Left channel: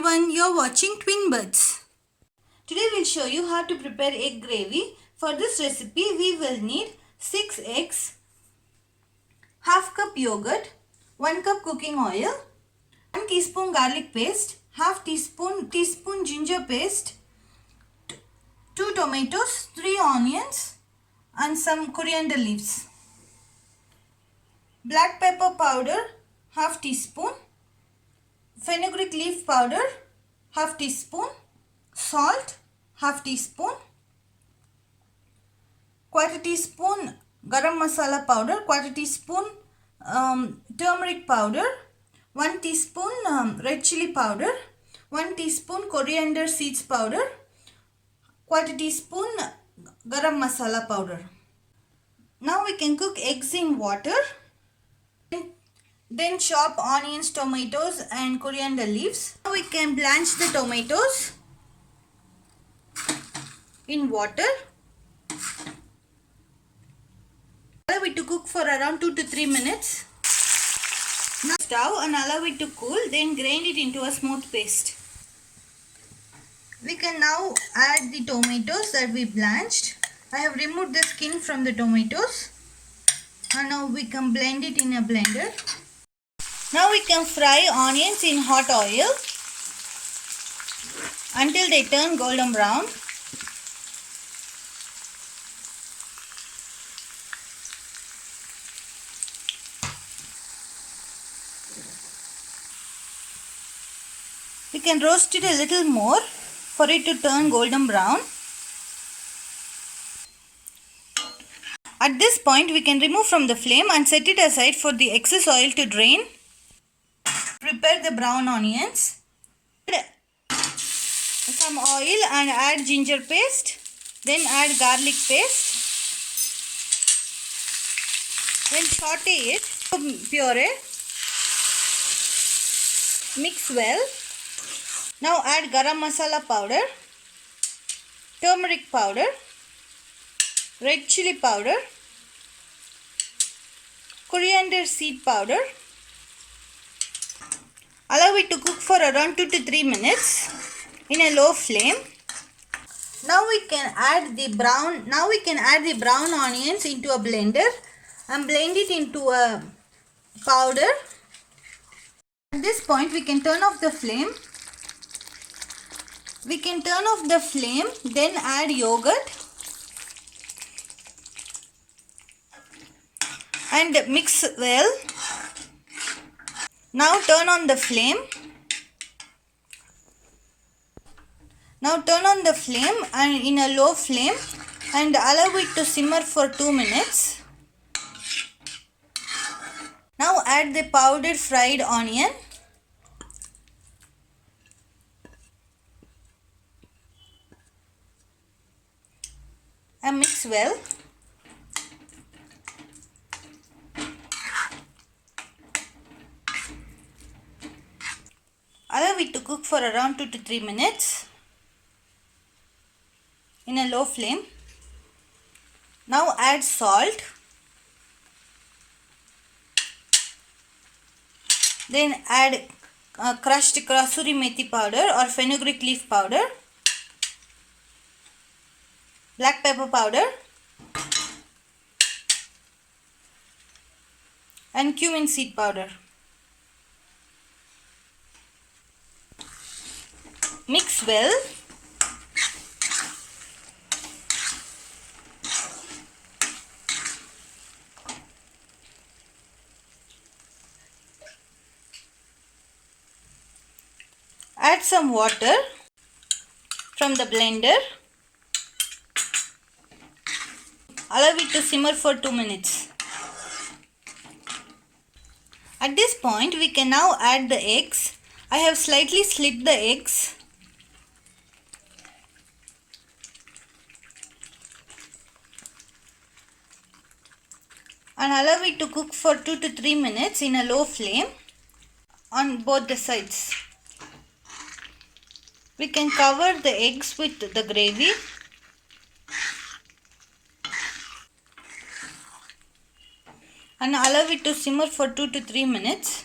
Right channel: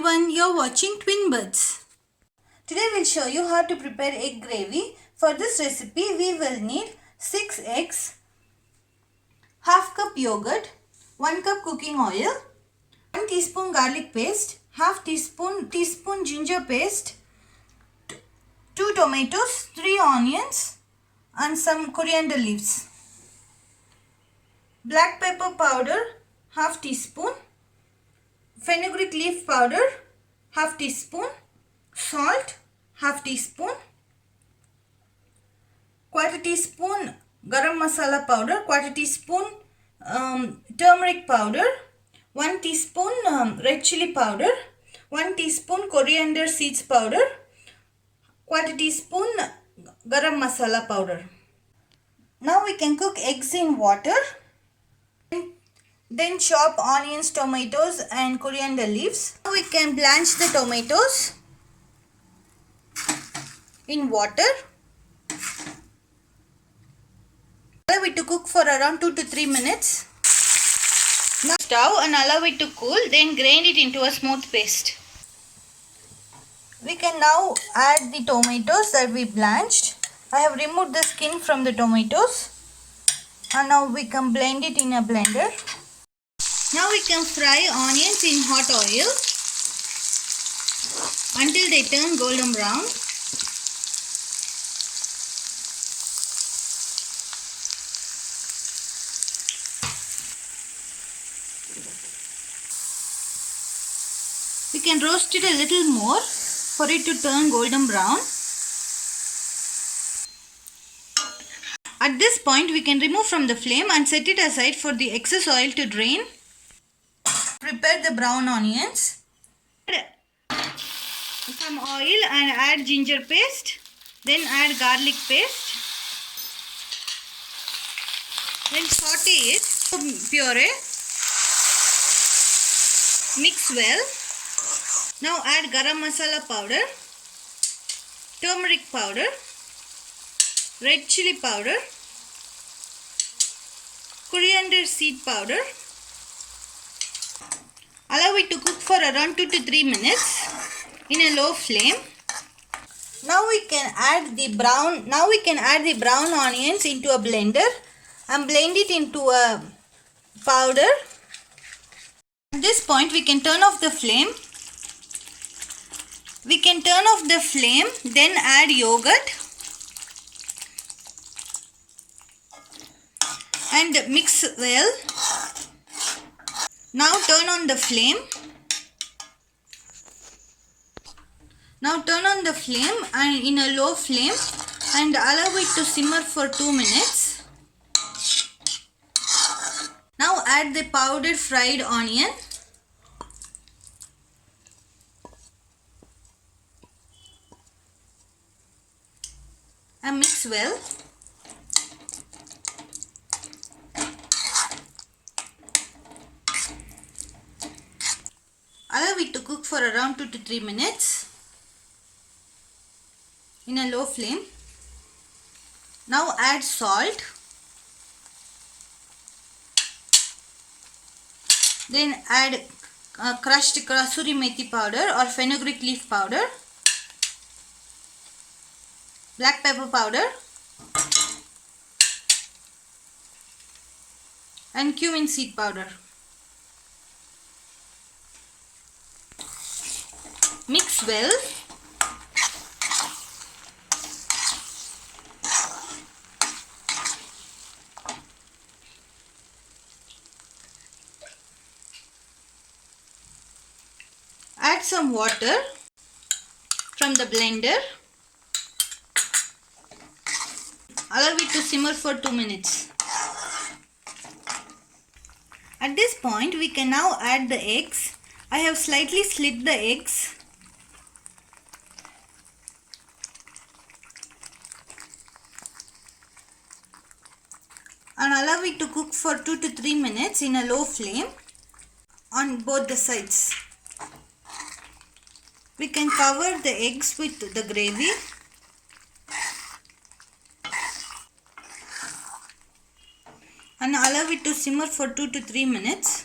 everyone, you're watching Twin Birds. Today we'll show you how to prepare egg gravy. For this recipe we will need 6 eggs, half cup yogurt, 1 cup cooking oil, 1 teaspoon garlic paste, half teaspoon ginger paste, 2 tomatoes, 3 onions and some coriander leaves. Black pepper powder half teaspoon, fenugreek leaf powder half teaspoon, salt half teaspoon, quarter teaspoon garam masala powder, quarter teaspoon turmeric powder, 1 teaspoon red chili powder, 1 teaspoon coriander seeds powder, quarter teaspoon garam masala powder. Now we can cook eggs in water. Then chop onions, tomatoes and coriander leaves. Now we can blanch the tomatoes in water. Allow it to cook for around 2 to 3 minutes. Now stove and allow it to cool, then grind it into a smooth paste. We can now add the tomatoes that we blanched. I have removed the skin from the tomatoes and now we can blend it in a blender. Now we can fry onions in hot oil until they turn golden brown. We can roast it a little more for it to turn golden brown. At this point we can remove from the flame and set it aside for the excess oil to drain. Prepare the brown onions. Some oil and add ginger paste. Then add garlic paste. Then saute it to puree. Mix well. Now add garam masala powder, turmeric powder, red chili powder, coriander seed powder. Allow it to cook for around 2 to 3 minutes in a low flame. Now we can add the brown onions into a blender and blend it into a powder. At this point we can turn off the flame. Then add yogurt and mix well. Now turn on the flame. And in a low flame and allow it to simmer for 2 minutes. Now add the powdered fried onion. And mix well. Allow it to cook for around 2 to 3 minutes in a low flame. Now add salt. Then add crushed kasuri methi powder or fenugreek leaf powder, black pepper powder and cumin seed powder. Mix well. Add some water from the blender. Allow it to simmer for 2 minutes. At this point we can now add the eggs. I have slightly slit the eggs. And allow it to cook for 2 to 3 minutes in a low flame on both the sides. We can cover the eggs with the gravy. And allow it to simmer for 2 to 3 minutes.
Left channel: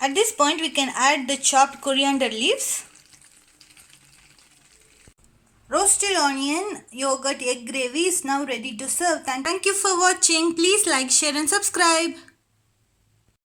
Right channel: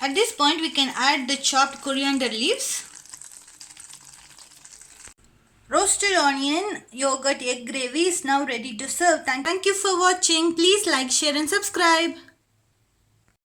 At this point, we can add the chopped coriander leaves. Roasted onion, yogurt, egg gravy is now ready to serve. Thank you for watching. Please like, share and subscribe.